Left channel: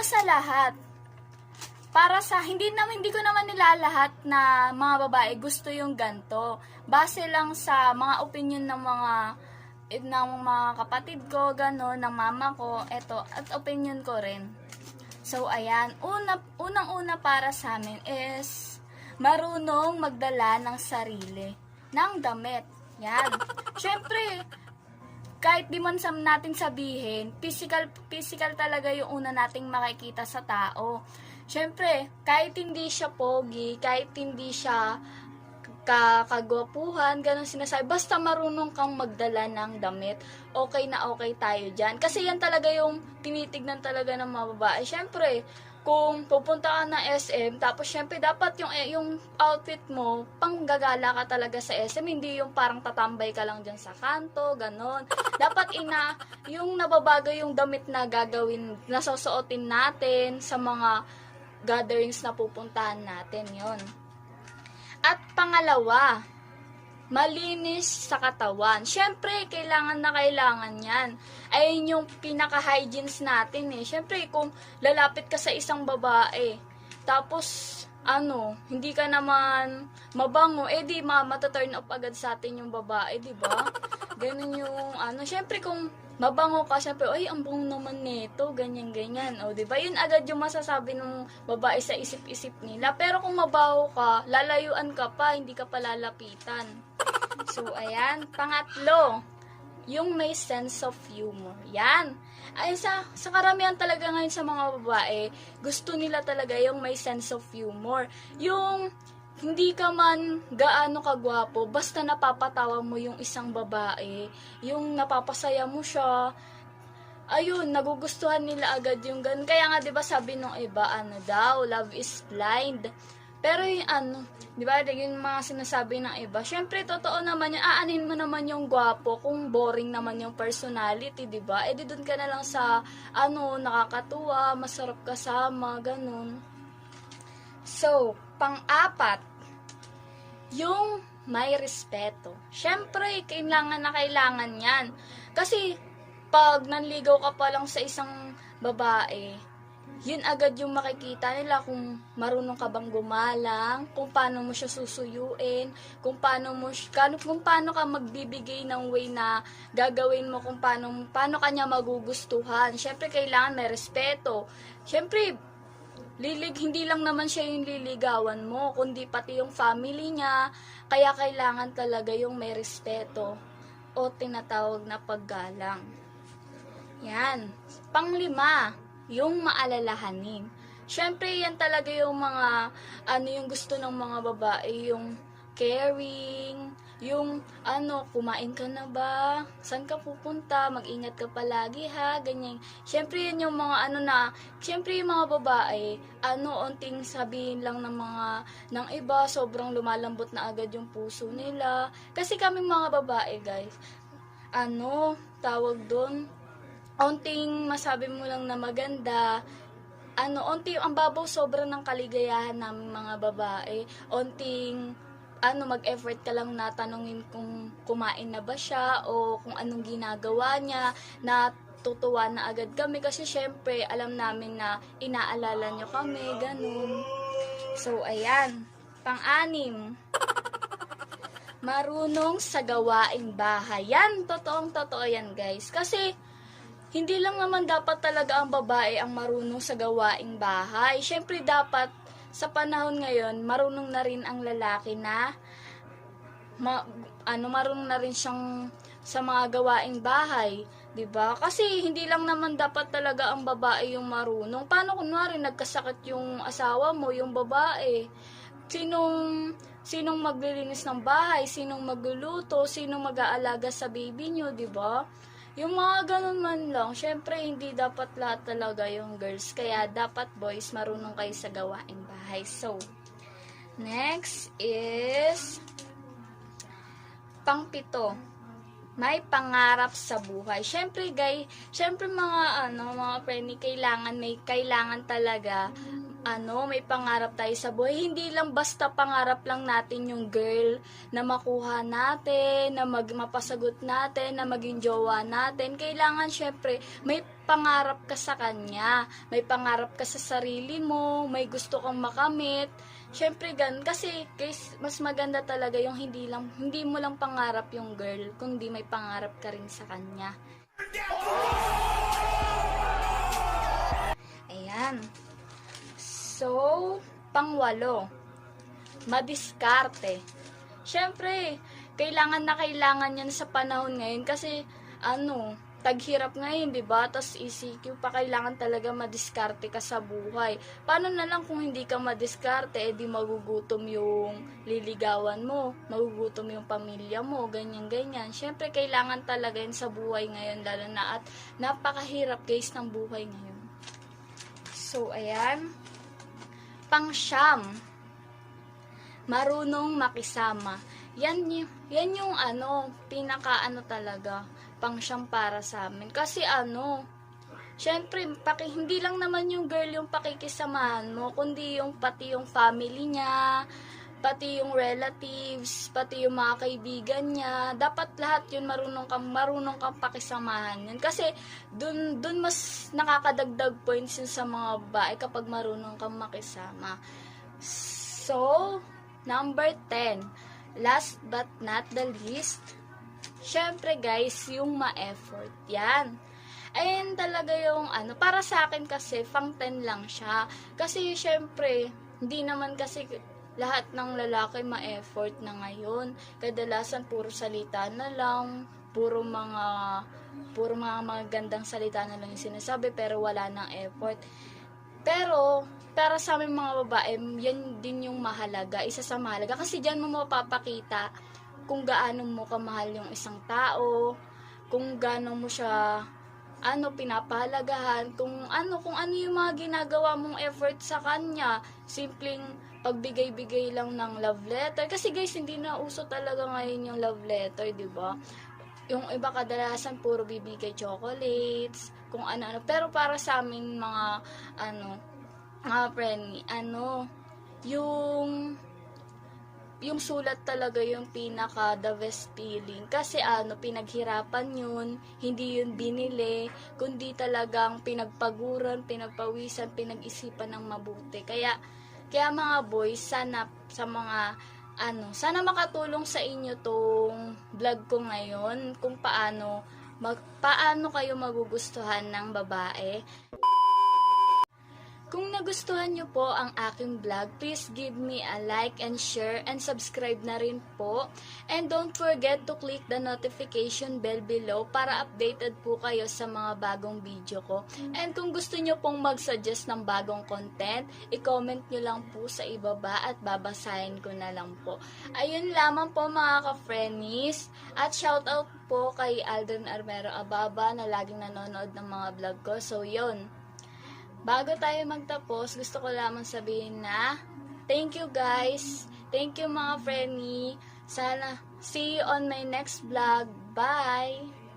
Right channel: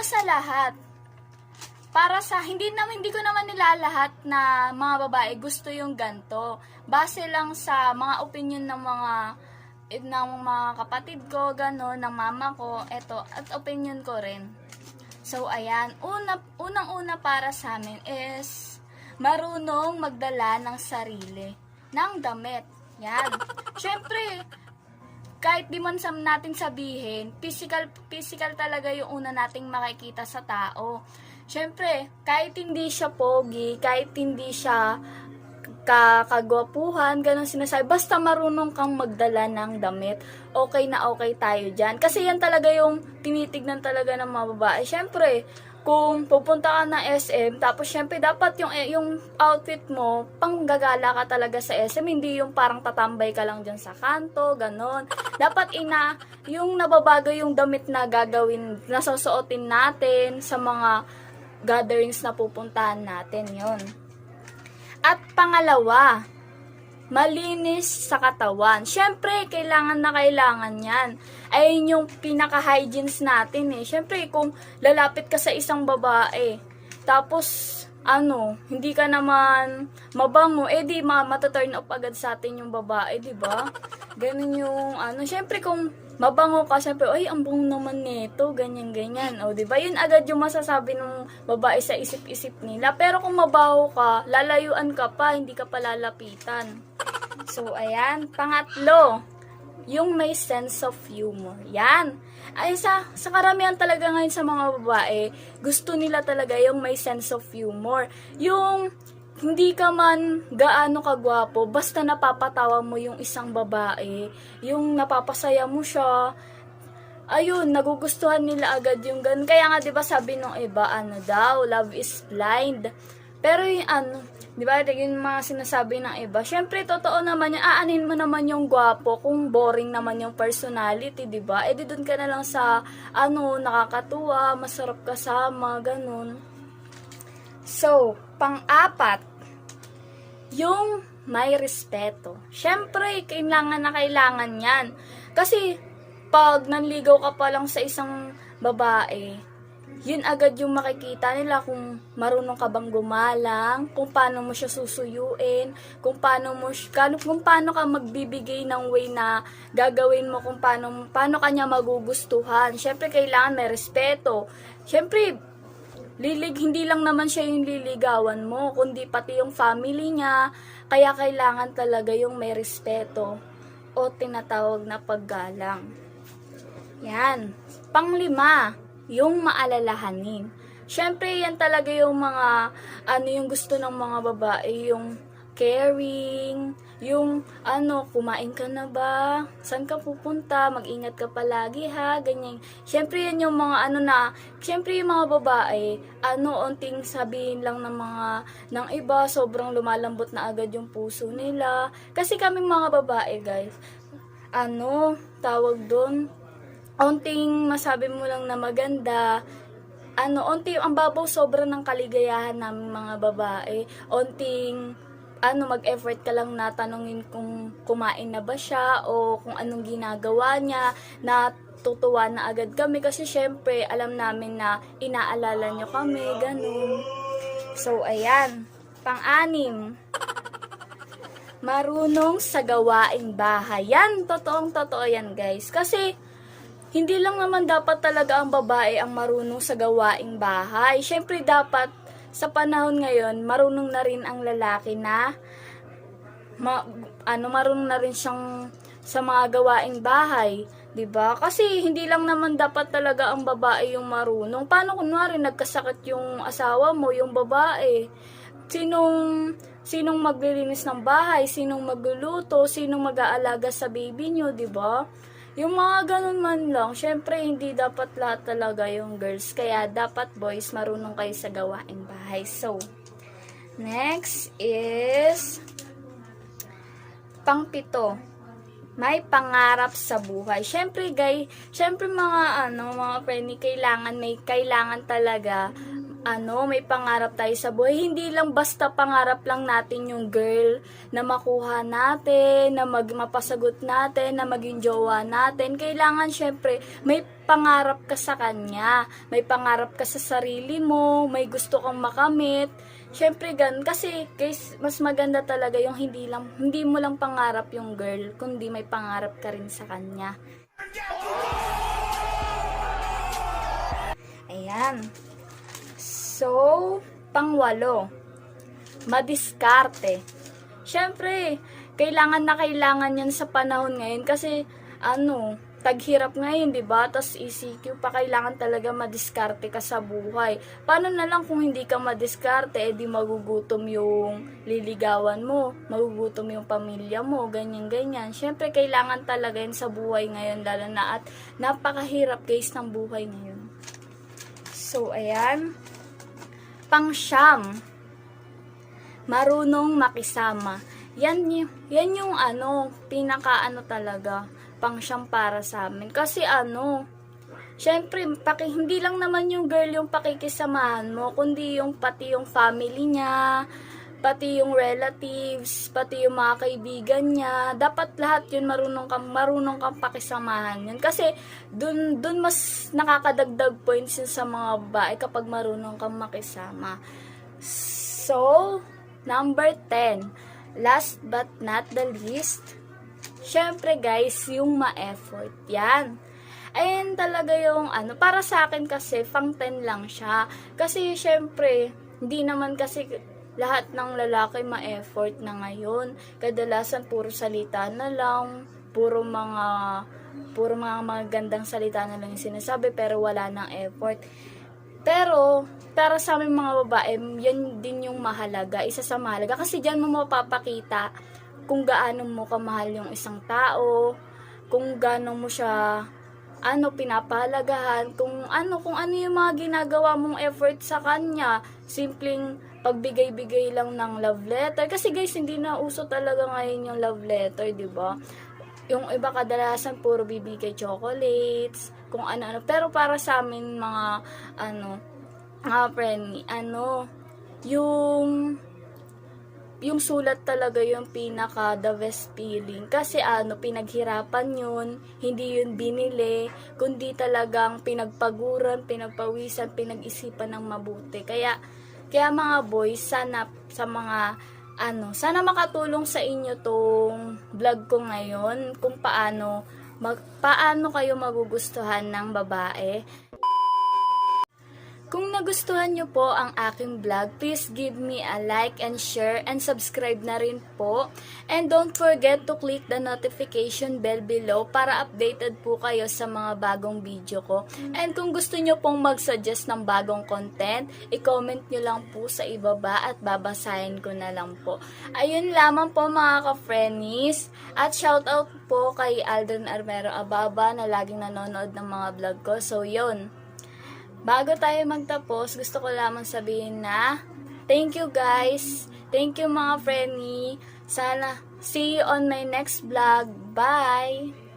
una sa lahat, para sa hindi ko naman nilalahat na mga babae gusto yung ganto. Base lang sa mga opinion ng mga kapatid ko, gano'n, ng mama ko, eto, at opinion ko rin. So, ayan, unang-una para sa amin is marunong magdala ng sarili, ng damit. Yan. Syempre, kahit di man natin sabihin, physical talaga yung una nating makikita sa tao. Syempre, kahit hindi siya pogi, kahit hindi siya kagwapuhan, ganun sinasabi, basta marunong kang magdala ng damit, okay na okay tayo dyan. Kasi yan talaga yung tinitignan talaga ng mga babae. Syempre, kung pupunta ka na SM, tapos syempre dapat yung outfit mo, panggagala ka talaga sa SM, hindi yung parang tatambay ka lang dyan sa kanto, ganon. Dapat yung nababago yung damit na gagawin, nasusuotin natin sa mga gatherings na pupuntahan natin, yon. At pangalawa, malinis sa katawan. Syempre, kailangan na kailangan yan. Ayun yung pinaka-hygienes natin eh. Syempre, kung lalapit ka sa isang babae, tapos, hindi ka naman mabango, di mataturn up agad sa atin yung babae, di ba? Ganun yung, syempre kung mabango ka, syempre, ay, ang bango naman nito, ganyan-ganyan. O, di ba? Yun agad yung masasabi ng babae sa isip-isip nila. Pero kung mabaho ka, lalayuan ka pa, hindi ka pa lalapitan. So, ayan. Pangatlo, yung may sense of humor. Yan. Ay, sa karamihan talaga ngayon sa mga babae, gusto nila talaga yung may sense of humor. Yung hindi ka man gaano kagwapo, basta napapatawa mo yung isang babae, yung napapasaya mo siya, ayun, nagugustuhan nila agad yung ganun. Kaya nga, di ba sabi nung iba, love is blind. Pero yung di ba, yung mga sinasabi ng iba, syempre, totoo naman yung, aanin mo naman yung gwapo, kung boring naman yung personality, di ba? Di dun ka na lang sa, nakakatuwa, masarap kasama, ganun. So, pang-apat, yung may respeto. Syempre, kailangan na kailangan yan. Kasi, pag nanligaw ka pa lang sa isang babae, yun agad yung makikita nila kung marunong ka bang gumalang, kung paano mo siya susuyuin, kung paano ka magbibigay ng way na gagawin mo, kung paano kanya magugustuhan. Syempre, kailangan may respeto. Syempre, hindi lang naman siya yung liligawan mo, kundi pati yung family niya. Kaya kailangan talaga yung may respeto o tinatawag na paggalang. Yan. Panglima, yung maalalahanin. Syempre, yan talaga yung mga, yung gusto ng mga babae, yung caring, yung, kumain ka na ba? Saan ka pupunta? Mag-ingat ka palagi ha? Ganyan. Syempre, yan yung mga, syempre yung mga babae, onting sabihin lang ng iba, sobrang lumalambot na agad yung puso nila. Kasi kaming mga babae, guys, tawag doon, onting masabi mo lang na maganda, onting ang babaw sobra ng kaligayahan ng mga babae, onting mag-effort ka lang na tanungin kung kumain na ba siya o kung anong ginagawa niya, natutuwa na agad kami kasi syempre alam namin na inaalala nyo kami, ganun. So, ayan. Pang-anim, marunong sa gawaing bahay. Yan, totoo yan, guys. Kasi hindi lang naman dapat talaga ang babae ang marunong sa gawaing bahay. Syempre dapat sa panahon ngayon, marunong na rin ang lalaki na marunong na rin siyang sa mga gawaing bahay, 'di ba? Kasi hindi lang naman dapat talaga ang babae yung marunong. Paano kunwari nagkasakit yung asawa mo, yung babae? Sinong maglilinis ng bahay, sinong magluluto, sinong mag-aalaga sa baby niyo, 'di ba? Yung mga ganun man lang, syempre hindi dapat lahat talaga yung girls. Kaya dapat boys, marunong kayo sa gawaing bahay. So, next is pang-pito, may pangarap sa buhay. Syempre guys, syempre mga friend, kailangan talaga may pangarap tayo sa buhay. Hindi lang basta pangarap lang natin yung girl na makuha natin, na mapasagot natin, na maging jowa natin. Kailangan syempre may pangarap ka sa kanya, may pangarap ka sa sarili mo, may gusto kang makamit. Syempre gan kasi guys, mas maganda talaga yung hindi mo lang pangarap yung girl, kundi may pangarap ka rin sa kanya. Ayan. So, pangwalo, madiskarte. Syempre, kailangan yan sa panahon ngayon kasi taghirap ngayon, 'di ba? Tas ECQ pa, kailangan talaga madiskarte ka sa buhay. Paano na lang kung hindi ka madiskarte, di magugutom yung liligawan mo, magugutom yung pamilya mo, ganyan. Syempre, kailangan talaga yan sa buhay ngayon, lalo na at napakahirap guys ng buhay ngayon. So, ayan. Pangsyam, marunong makisama. Yan yung pinaka talaga, pangsyam para sa amin. Kasi syempre, hindi lang naman yung girl yung pakikisamahan mo, kundi pati yung family niya, pati yung relatives, pati yung mga kaibigan niya. Dapat lahat yun marunong kang pakisamahan yun. Kasi dun mas nakakadagdag points yun sa mga babae kapag marunong kang makisama. So, number 10. Last but not the least, syempre guys, yung ma-effort. Yan. Ayan talaga yung para sa akin kasi, pang 10 lang siya. Kasi syempre, hindi naman kasi lahat ng lalaki ma-effort na ngayon. Kadalasan puro salita na lang, puro mga magandang salita na lang yung sinasabi, pero wala nang effort. Pero para sa aming mga babae, yan din yung mahalaga, isa sa mahalaga, kasi diyan mo mapapakita kung gaano mo kamahal yung isang tao, kung gaano mo siya pinapahalagahan, kung ano yung mga ginagawa mong effort sa kanya. Simpleng pagbigay-bigay lang ng love letter. Kasi guys, hindi na uso talaga ngayon yung love letter, di ba? Yung iba kadalasan puro bibigay chocolates, kung ano-ano. Pero para sa amin mga friend, yung sulat talaga yung pinaka the best feeling. Kasi pinaghirapan yun, hindi yun binili, kundi talagang pinagpaguran, pinagpawisan, pinag-isipan ng mabuti. Kaya mga boys, sana makatulong sa inyo tong vlog ko ngayon kung paano kayo magugustuhan ng babae. Kung nagustuhan nyo po ang aking vlog, please give me a like and share and subscribe na rin po. And don't forget to click the notification bell below para updated po kayo sa mga bagong video ko. And kung gusto nyo pong mag-suggest ng bagong content, i-comment nyo lang po sa ibaba at babasahin ko na lang po. Ayun lamang po mga ka-friendies. At shoutout po kay Aldrin Armero Ababa na laging nanonood ng mga vlog ko. So yun. Bago tayo magtapos, gusto ko lamang sabihin na thank you guys. Thank you mga friendly. Sana see you on my next vlog. Bye!